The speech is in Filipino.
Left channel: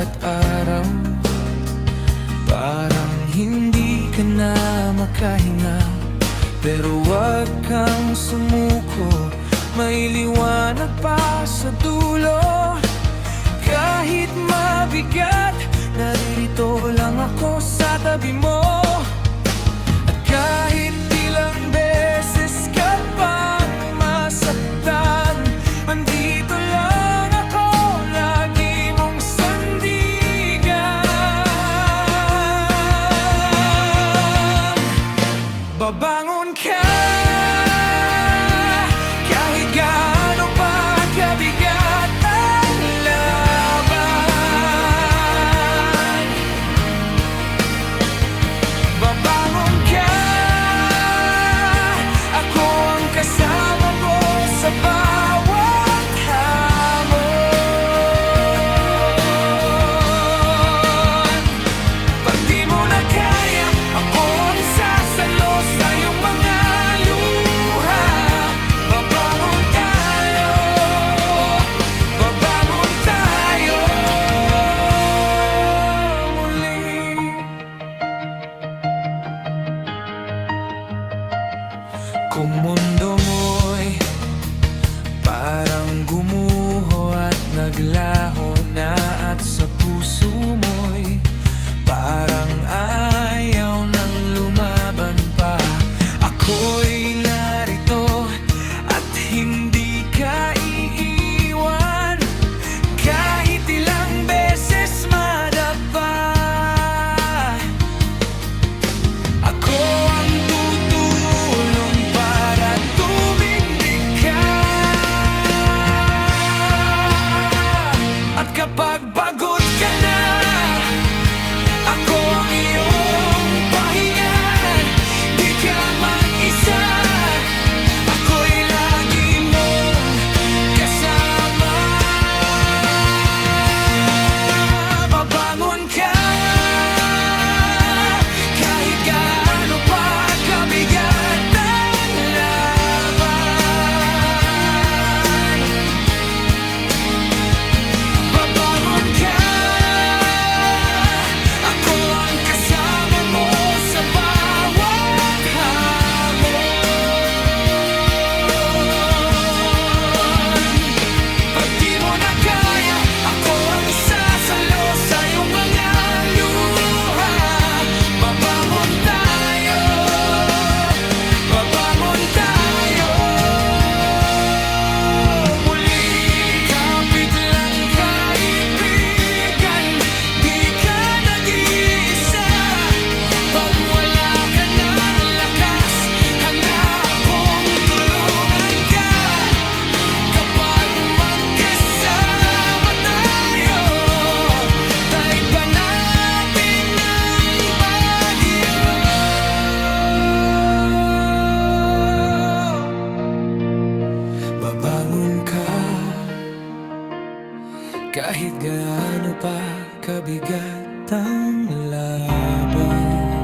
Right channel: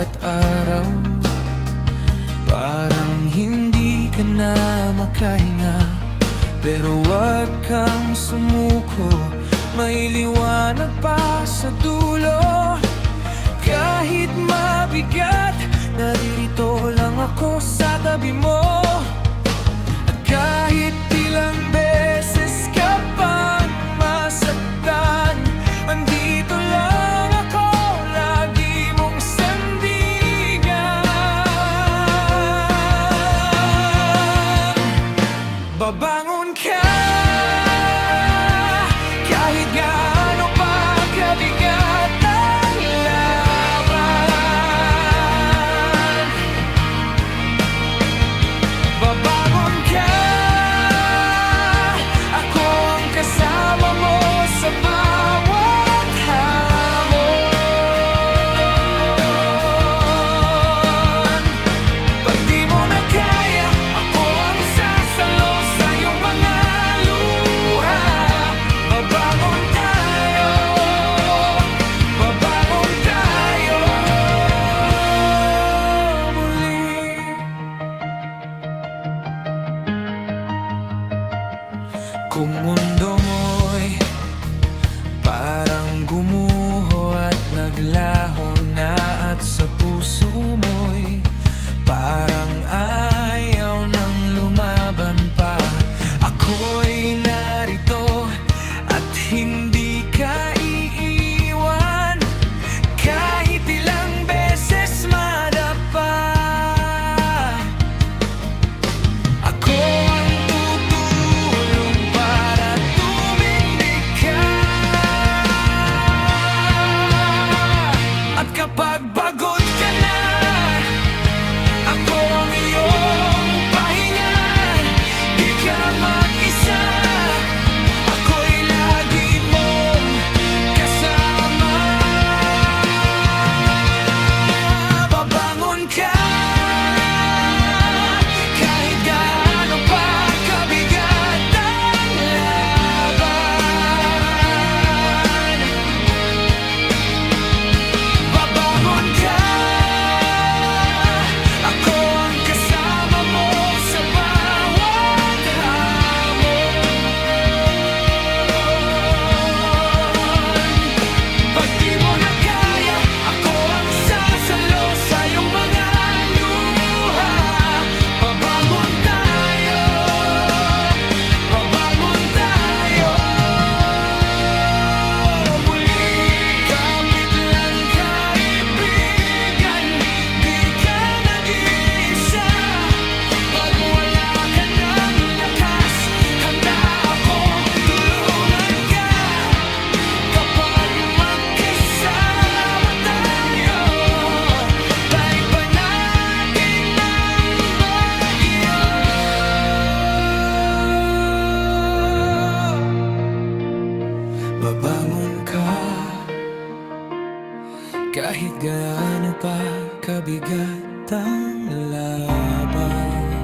bawat araw. Parang hindi ka na makahinga, pero wag kang sumuko, may liwanag pa sa dulo. Kahit mabigat, naririto lang ako sa tabi mo. At kahit ilang beses ka pang masaktan, andito lang ako, lagi mong sandigan. Babangon ka kahit gaano pa kabigat ang laban. Babangon ka, ako ang kasama mo sa bawat hamon. Pag di mo na kaya, ako ang sasalo sa iyong mga luha. Babangon tayo, babangon tayo muli. Kung mundo mo'y parang gumuho at naglaho na, at sa puso mo'y parang ayaw nang lumaban pa, ako'y narito at hindi ka iiwan. Kahit ilang beses madapa, ako ang tutulong para tumindig ka. At kapag pagod ka na, ako ang iyong pahinga. Di ka mag-isa, ako'y lagi mong kasama. Babangon ka kahit gaano pa kabigat ang laban. Babangon ka, ako ang kasama mo sa bawat hamon. Pag di mo na kaya, ako ang sasalo sa iyong mga luha. Babangon tayo, babangon tayo muli. Kapit lang kaibigan, di ka nag-iisa. Pag wala ka ng lakas, handa akong tulungan ka. Kapag magkasama tayo, daig pa natin ang bagyo. Babangon ka kahit gaano pa kabigat ang laban.